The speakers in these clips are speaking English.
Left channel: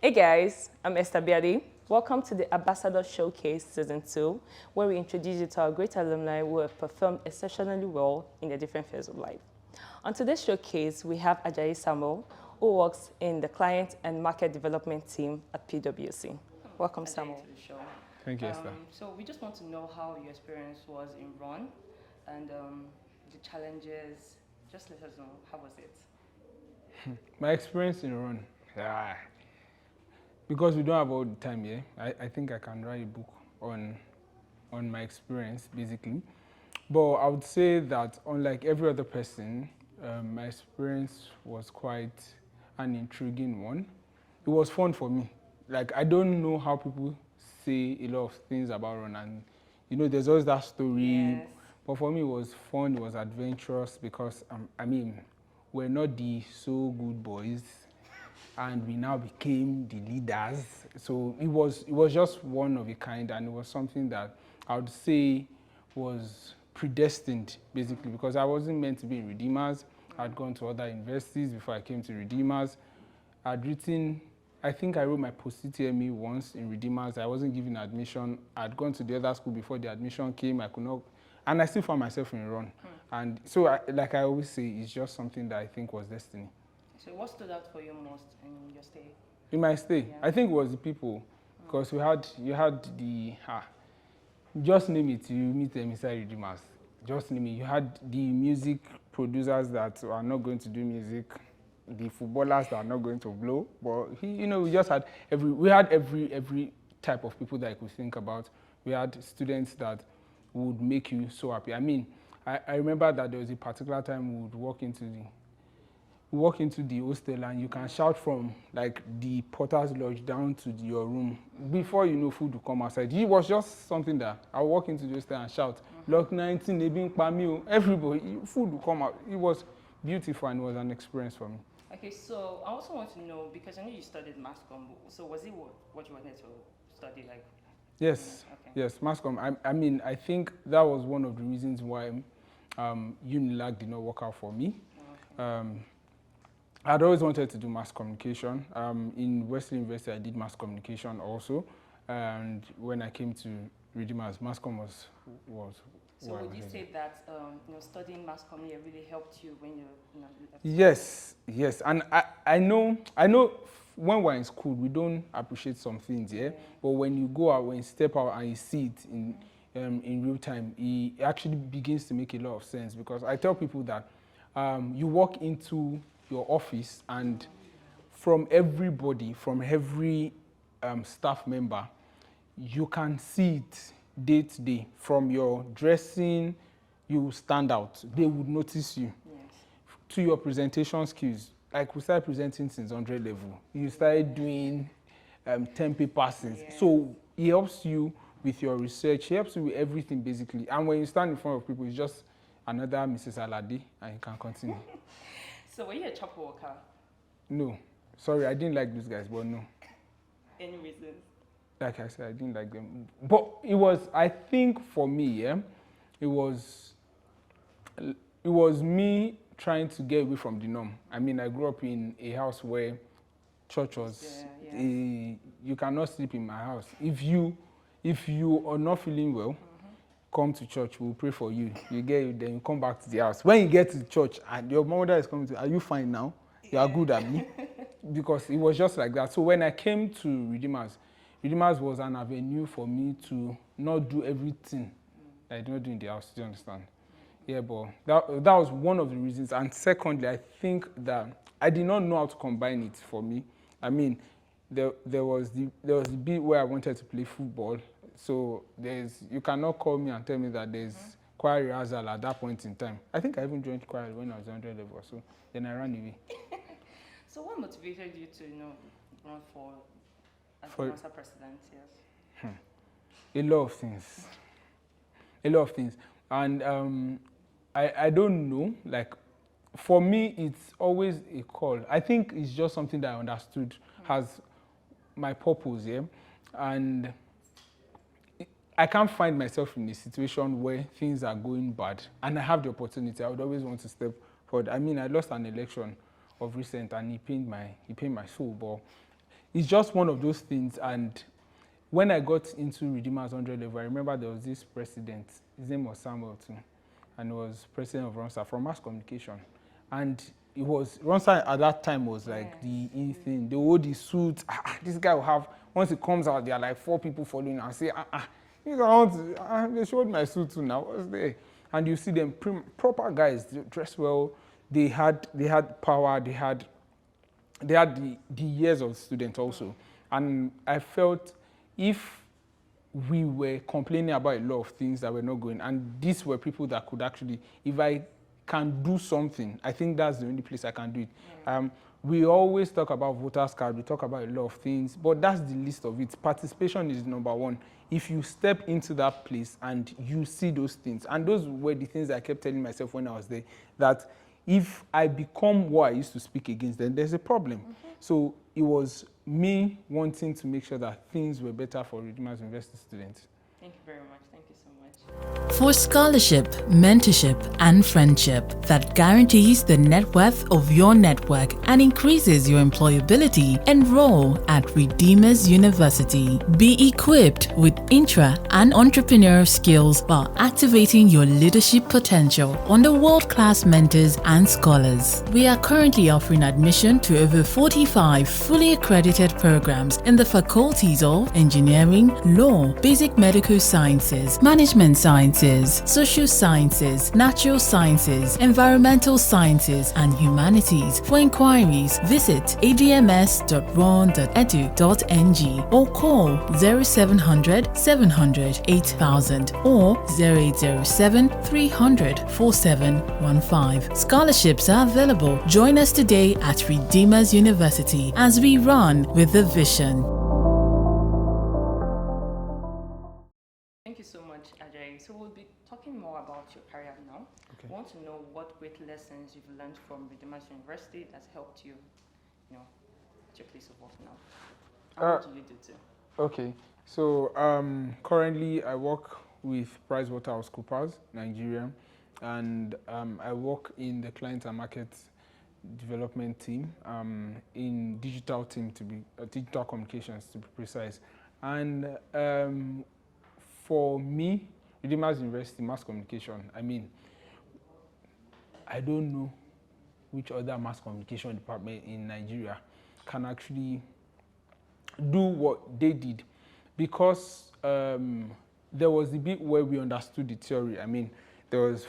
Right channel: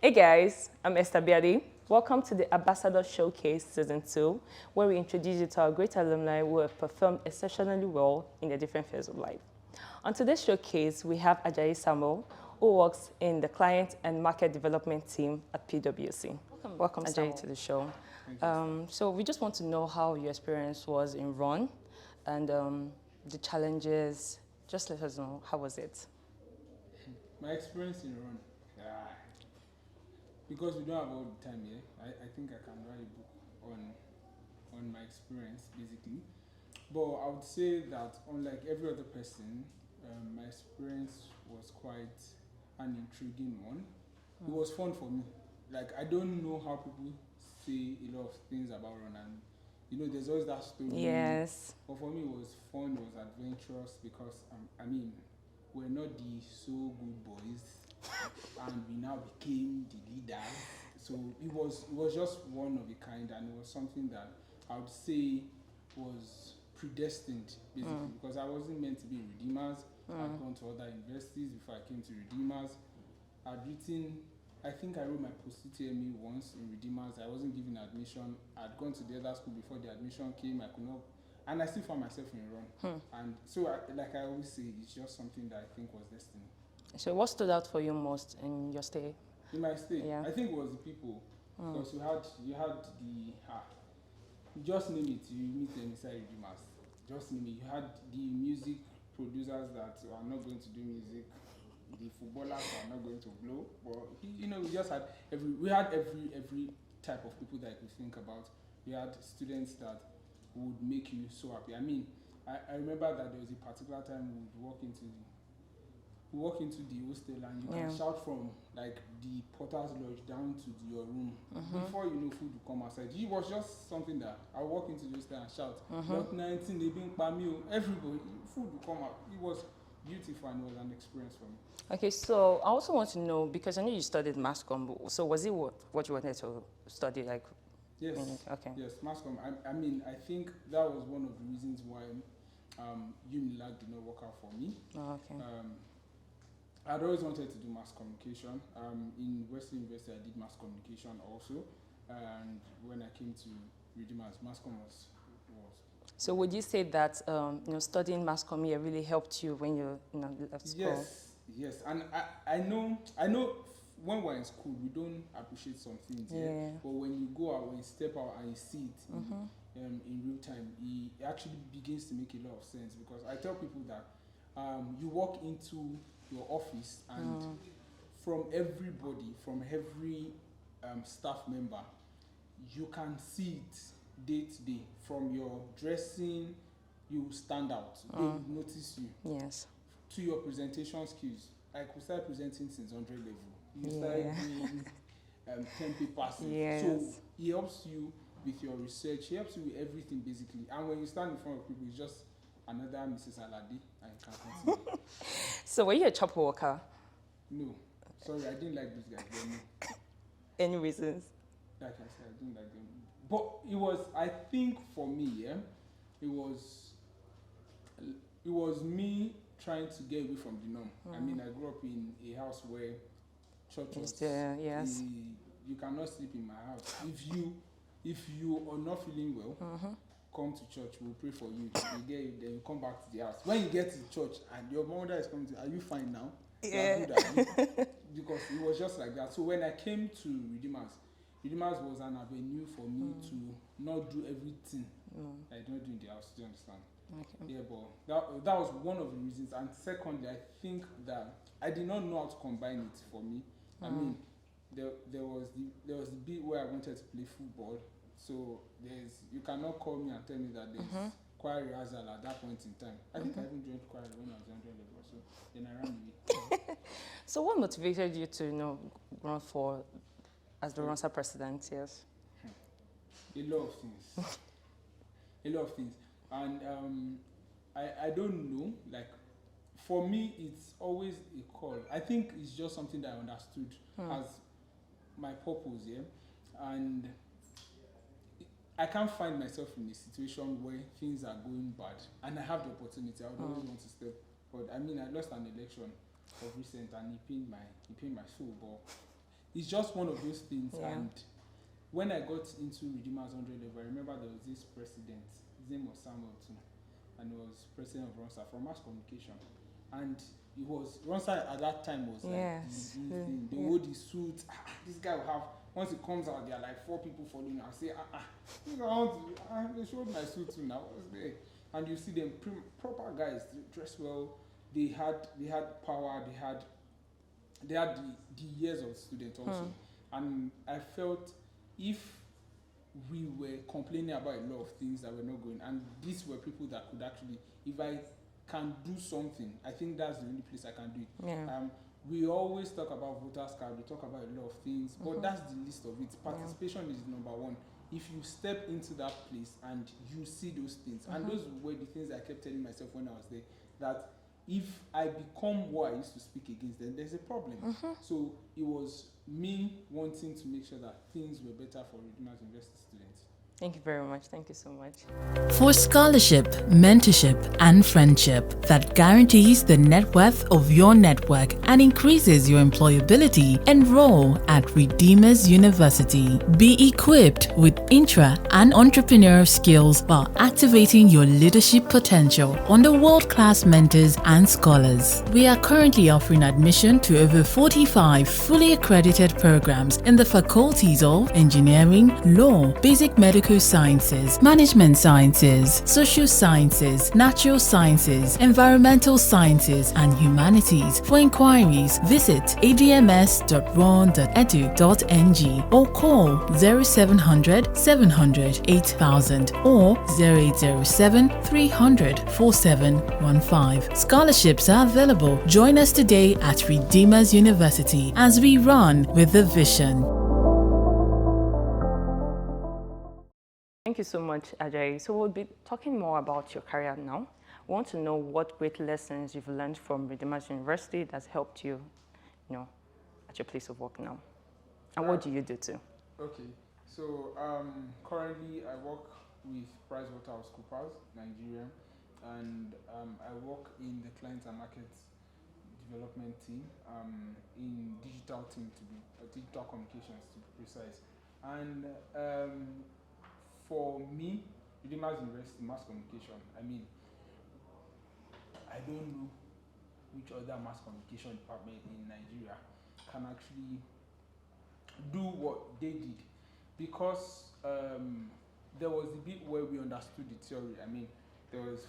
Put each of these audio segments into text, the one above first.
Hey guys, I'm Esther Biadi. Welcome to the Ambassador Showcase Season 2, where we introduce you to our great alumni who have performed exceptionally well in their different fields of life. On today's showcase, we have Ajayi Samuel, who works in the Client and Market Development team at PwC. Welcome Ajayi, Samuel, to the show. Thank you, Esther. So we just want to know how your experience was in Run and the challenges. Just let us know, how was it? My experience in Run, because we don't have all the time here, I think I can write a book on my experience, basically. But I would say that unlike every other person, my experience was quite an intriguing one. It was fun for me. Like, I don't know how people say a lot of things about Run, and you know, there's always that story. Yes. But for me, it was fun, it was adventurous, because, I mean, we're not the so good boys, and we now became the leaders. So it was just one of a kind, and it was something that I would say was predestined, basically, because I wasn't meant to be in Redeemers. I'd gone to other universities before I came to Redeemers. I'd written, I think I wrote my post-UTME once in Redeemers. I wasn't given admission. I'd gone to the other school before the admission came. I could not, and I still found myself in Run. And so, like I always say, it's just something that I think was destiny. So what stood out for you most in your stay? In my stay, Yeah. I think it was the people, because you had the, just name it, you meet them inside Redeemers. Just name it. You had the music producers that are not going to do music, the footballers that are not going to blow, but we just had every type of people that I could think about. We had students that would make you so happy. I mean, I remember that there was a particular time we would walk into the hostel, and you can shout from like the porter's lodge down to your room. Before you know, food will come outside. It was just something that I would walk into the hostel and shout, Block 19, Ebin Pamio, everybody, food will come out. It was beautiful, and it was an experience for me. Okay, so I also want to know, because I know you studied mass comm, so was it what you wanted to study? Like, yes, okay. Yes, mass comm. I mean, I think that was one of the reasons why Unilag did not work out for me. Oh, okay. I'd always wanted to do mass communication. In Wesley University, I did mass communication also, and when I came to Redeemers, mass comm was. So would you say that studying mass comm really helped you when you left school? Yes, and I know when we're in school we don't appreciate some things, but when you go out, when you step out and you see it in real time, it actually begins to make a lot of sense. Because I tell people that you walk into your office, and from everybody, from every staff member, you can see it day to day. From your dressing, you will stand out. They would notice you. Yes. To your presentation skills, like we started presenting since 100 level. You started doing 10 papers. Yes. So it helps you with your research. It helps you with everything, basically. And when you stand in front of people, it's just another Mrs. Alade, and you can continue. So were you a chopper worker? No. Sorry, I didn't like those guys, but no. Any reasons? Like I said, I didn't like them. But it was, I think for me, it was me trying to get away from the norm. I mean, I grew up in a house where church was, you cannot sleep in my house. If you are not feeling well, come to church, we'll pray for you. You get it, then you come back to the house. When you get to church and your mother is coming to, are you fine now? You are good at me. Because it was just like that. So when I came to Redeemers was an avenue for me to not do everything that I did not do in the house. Do you understand? Okay. Yeah, but that was one of the reasons. And secondly, I think that I did not know how to combine it for me. I mean, there was the bit where I wanted to play football. So you cannot call me and tell me that there's choir rehearsal at that point in time. I think I even joined choir when I was 100 level, so then I ran away. So what motivated you to run as the Rwanda president? Yes. A lot of things. A lot of things. And I don't know, like, for me, it's always a call. I think it's just something that I understood as my purpose, and I can't find myself in a situation where things are going bad and I have the opportunity. I would always want to step forward. I mean, I lost an election of recent, and it pained my soul, but it's just one of those things. And when I got into Redeemers 100 level, I remember there was this president. His name was Samuel too, and he was president of Ronsa from mass communication. And it was Ronsa at that time was like the in thing. They wore the suit. This guy will have, once it comes out, there are like 4 people following and say, you know, they showed my suit too now. What's there? And you see them proper guys, they dress well. They had power. They had the years of student also. And I felt if we were complaining about a lot of things that were not going, and these were people that could actually, if I can do something, I think that's the only place I can do it. Yeah. We always talk about voters card, we talk about a lot of things, but that's the list of it. Participation is number one. If you step into that place and you see those things, and those were the things I kept telling myself when I was there, that if I become what I used to speak against, then there's a problem. So it was me wanting to make sure that things were better for Redeemers University students. Thank you very much. Thank you so much. For scholarship, mentorship, and friendship that guarantees the net worth of your network and increases your employability, enroll at Redeemers University. Be equipped with intra and entrepreneurial skills while activating your leadership potential under world-class mentors and scholars. We are currently offering admission to over 45 fully accredited programs in the faculties of Engineering, Law, Basic Medical Sciences, Management Sciences, Social Sciences, Natural Sciences, Environmental Sciences, and Humanities. For inquiries, visit adms.ron.edu.ng or call 0700 700 8000 or 0807 300 4715. Scholarships are available. Join us today at Redeemers University as we run with a vision. Thank you so much, Ajayi. So we'll be talking more about your career now. Okay. We want to know what great lessons you've learned from Redeemers University that's helped you, at your place of work now. And what do you do too? Okay, so currently I work with PricewaterhouseCoopers, Nigeria, and I work in the client and market development team, in digital team digital communications to be precise. And for me, Redeemers University Mass Communication, I mean, I don't know which other mass communication department in Nigeria can actually do what they did, because there was the bit where we understood the theory. I mean, there was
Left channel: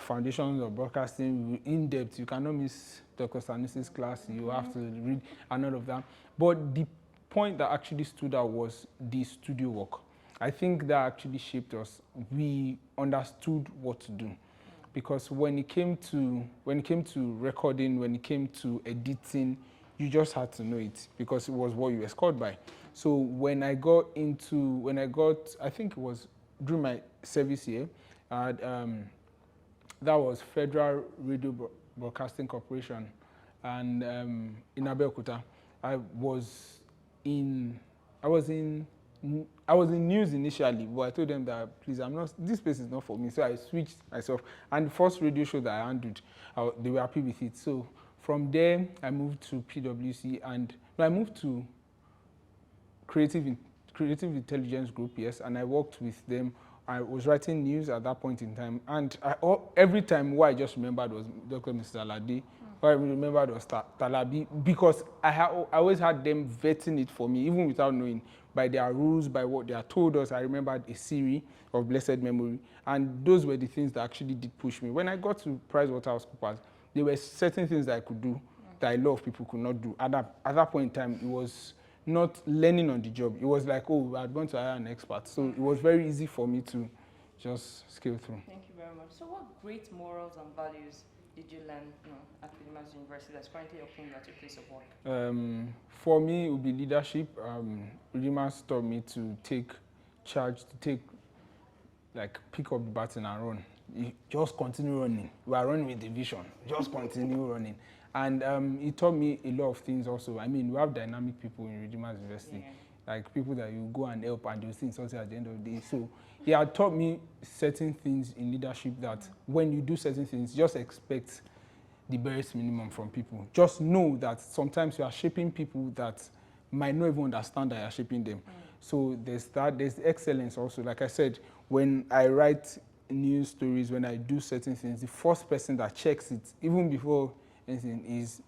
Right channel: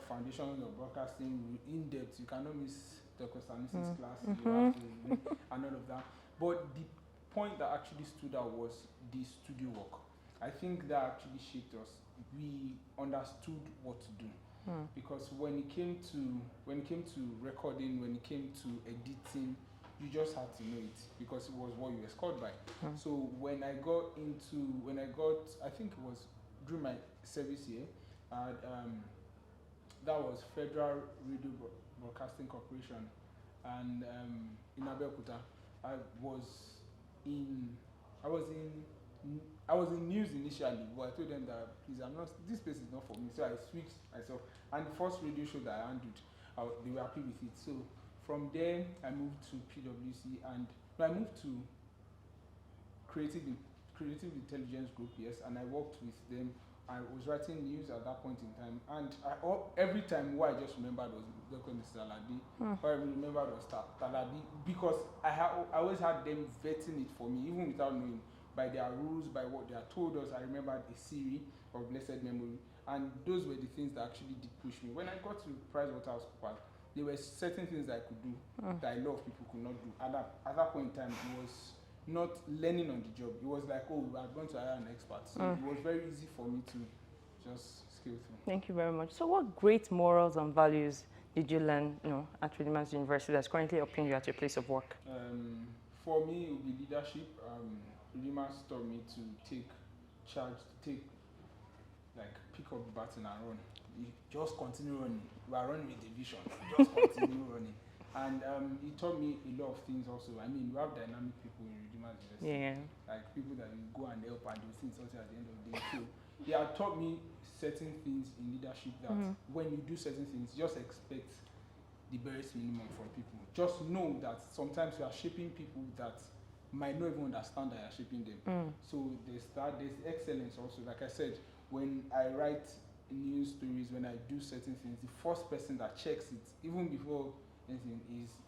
foundations of broadcasting in depth. You cannot miss Dr. Sanusi's class. You have to read and all of that. But the point that actually stood out was the studio work. I think that actually shaped us. We understood what to do, because when it came to recording, when it came to editing, you just had to know it because it was what you were scored by. So when I got, I think it was during my service year, that was Federal Radio Broadcasting Corporation, and in Abeokuta, I was in news initially, but I told them that please, this place is not for me. So I switched myself, and the first radio show that I handled, they were happy with it. So from there, I moved to PwC, and I moved to Creative Intelligence Group, yes, and I worked with them. I was writing news at that point in time, and every time what I just remembered was Dr. Mr. Alade, what I remembered was Talabi, because I always had them vetting it for me, even without knowing, by their rules, by what they had told us. I remembered a series of blessed memory, and those were the things that actually did push me. When I got to PricewaterhouseCoopers, there were certain things that I could do that a lot of people could not do. At that point in time, it was not learning on the job. It was like, oh, I'd gone to hire an expert. So it was very easy for me to just scale through. Thank you very much. So what great morals and values did you learn at Redeemers University that's currently helping you at your place of work? For me, it would be leadership. Redeemers taught me to take charge, pick up the baton and run. You just continue running. We are running with the vision. Just continue running. And it taught me a lot of things also. I mean, we have dynamic people in Redeemers University. Like people that you go and help and they'll see something at the end of the day. So he had taught me certain things in leadership that when you do certain things, just expect the barest minimum from people. Just know that sometimes you are shaping people that might not even understand that you're shaping them. So there's excellence also. Like I said, when I write news stories, when I do certain things, the first person that checks it, even before anything, is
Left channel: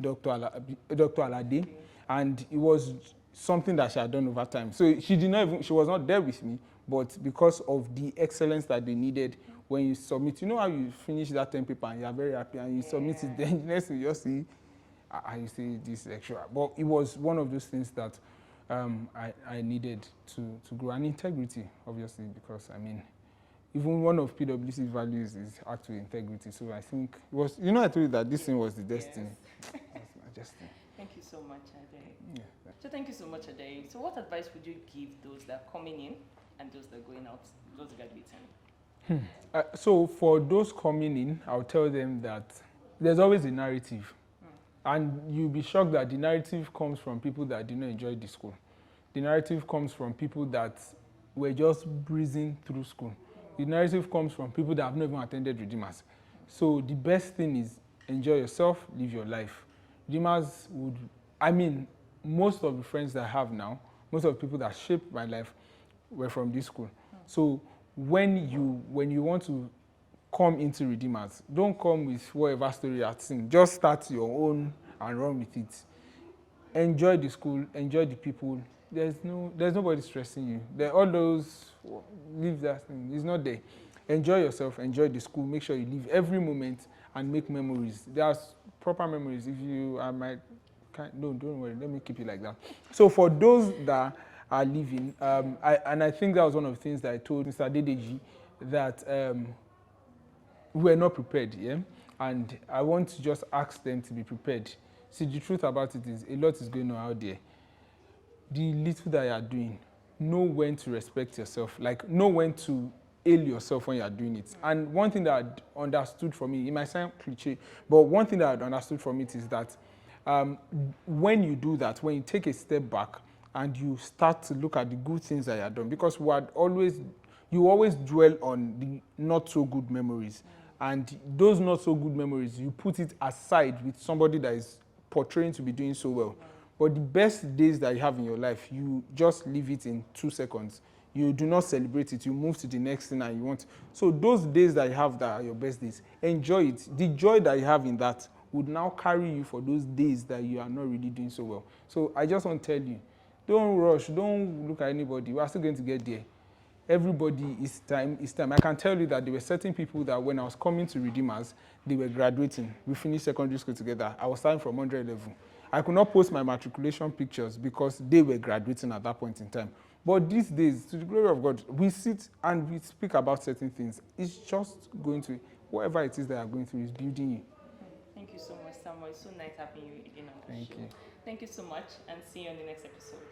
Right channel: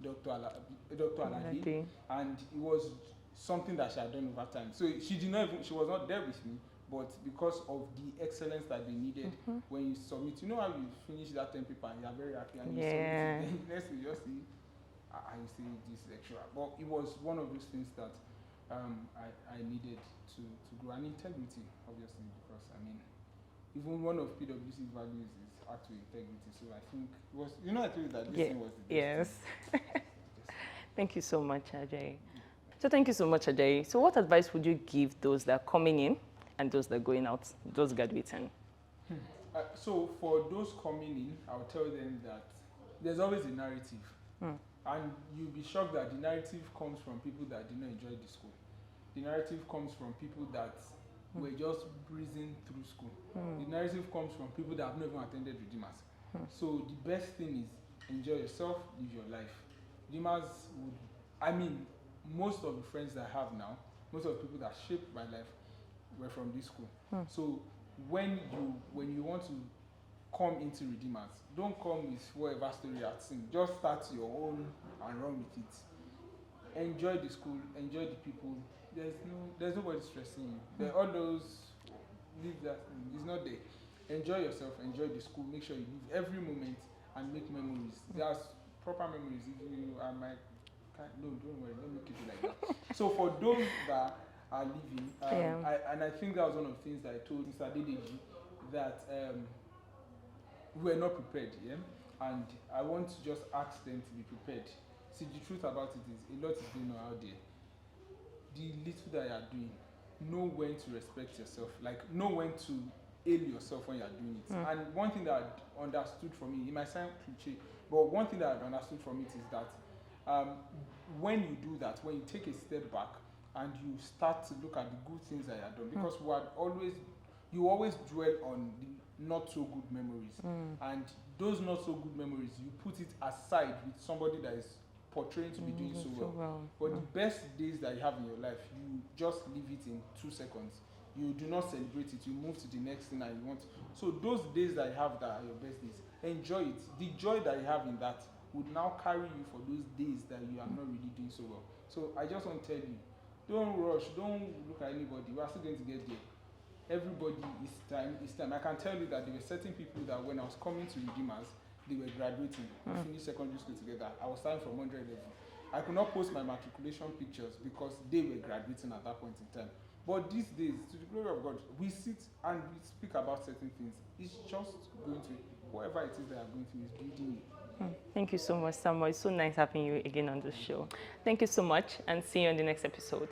Dr. Alade. And it was something that she had done over time. So she was not there with me, but because of the excellence that they needed when you submit, you know how you finish that 10 paper and you're very happy and you submit it, then the next thing you just see, you say this extra. But it was one of those things that I needed to grow. And integrity, obviously, because I mean, even one of PwC's values is actually integrity. So I think it was, you know, I told you that this thing was the destiny. Yes. Thank you so much, Ajayi. Yeah. So thank you so much, Ajayi. So what advice would you give those that are coming in and those that are going out, those graduating? So for those coming in, I'll tell them that there's always a narrative. And you'll be shocked that the narrative comes from people that did not enjoy the school. The narrative comes from people that were just breezing through school. The narrative comes from people that have not even attended Redeemers. So the best thing is enjoy yourself, live your life. Redeemers would, I mean, most of the friends that I have now, most of the people that shaped my life were from this school. So when you want to come into Redeemers, don't come with whatever story you've seen. Just start your own and run with it. Enjoy the school, enjoy the people. There's nobody stressing you. All those, leave that thing. It's not there. Enjoy yourself, enjoy the school. Make sure you live every moment and make memories. There's proper memories. If you are don't worry. Let me keep it like that. So for those that are living, I think that was one of the things that I told Mr. Dedeji, that we were not prepared, and I want to just ask them to be prepared. See, the truth about it is a lot is going on out there. The little that you are doing, know when to respect yourself, like know when to hail yourself when you are doing it. And one thing that I understood from it might sound cliche, but one thing that I understood from it is that when you do that, when you take a step back and you start to look at the good things that you have done, because you always dwell on the not so good memories, and those not so good memories, you put it aside with somebody that is portraying to be doing so well. But the best days that you have in your life, you just leave it in 2 seconds. You do not celebrate it. You move to the next thing and you want. So those days that you have that are your best days, enjoy it. The joy that you have in that would now carry you for those days that you are not really doing so well. So I just want to tell you, don't rush. Don't look at anybody. We are still going to get there. Everybody is time. I can tell you that there were certain people that when I was coming to Redeemers, they were graduating. We finished secondary school together. I was starting from 100 level. I could not post my matriculation pictures because they were graduating at that point in time. But these days, to the glory of God, we sit and we speak about certain things. It's just going to, whatever it is that you're going through is building you. Thank you so much, Samuel. It's so nice having you again on the show. Thank you so much, and see you on the next episode.